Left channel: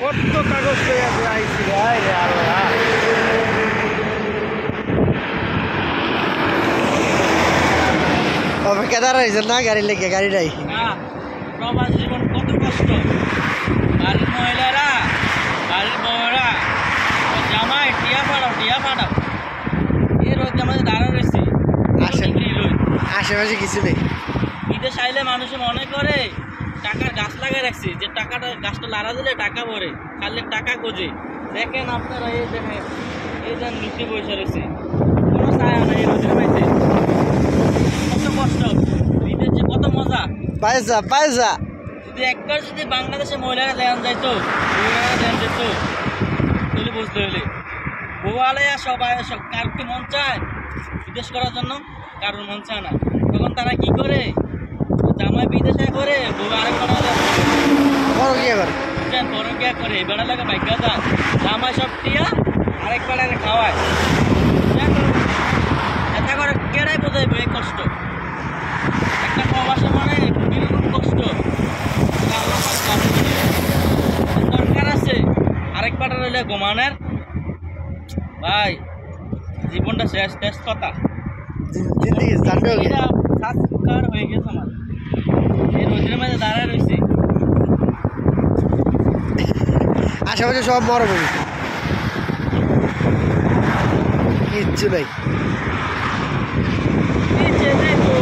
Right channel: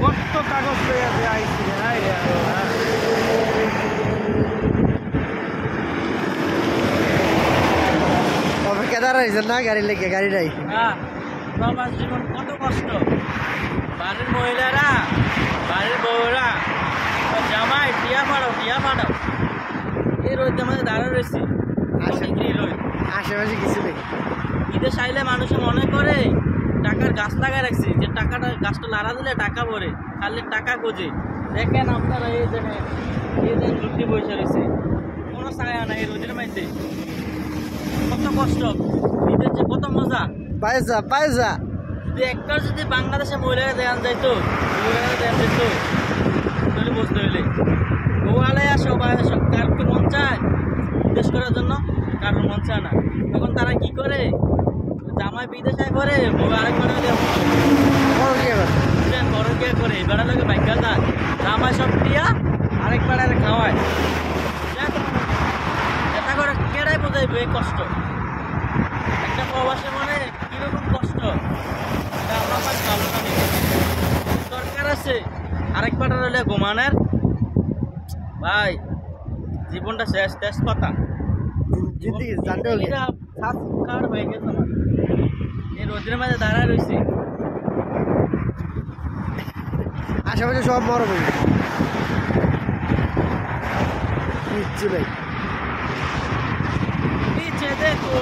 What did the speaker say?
কত কাগজ পেয়ে আছে আইসি অপেক্ষা দাঁড়াইছেন না গাড়ি লেগে গাড়ি নাই প্রবাস জীবন কত কষ্ট বাড়ির মহিলারা বাড়ির বউরা জামাই টিয়া পাড়াও এই রোদ আমাদের দাঁড়া রয়েছি আশেপাশে কিছু নেই বিদেশ আইলে মানুষে মনে করে টাকার গাছ লাগাই রাখছি যে টাকাটা গাছটা লাড়া দিলে টাকা ভরে খালি টাকা গোজে দেখেন আপনারা এই দেখেন লুচি বসে রয়েছে কোনো ছায়া নাই এই রোদের মাইতে কত কষ্ট বিদেশে কত মজা পায়সা যদি একবার যদি বাংলাদেশে মহিলারা দেন যাইতো তাহলে বুঝতে হইলে বউ আলাই সবাই কার কি মন চায় বিদেশ করার জন্য কারোর মন চায় না তখন তারা কি করে জামাই বিদেশে করে বউ আরেক পরকিয়া করে বেড়া লাগে বাইকা যান জামাই সব টিয়া আরেক বেড়ারে খাওয়ায় এটা করে কেড়াই বোঝাইবে এই কষ্ট একটা প্রবাসে মানে কষ্ট দরকার আছে আরেক পাটা রইলে ঘুমানের ভাই জীবনটা শেষ কথা হয়ে গেছে আমার এই রোদের মাঝে দাঁড়ায় রয়েছি আশেপাশে সব মরুভূমি কিচ্ছু নাই দেখো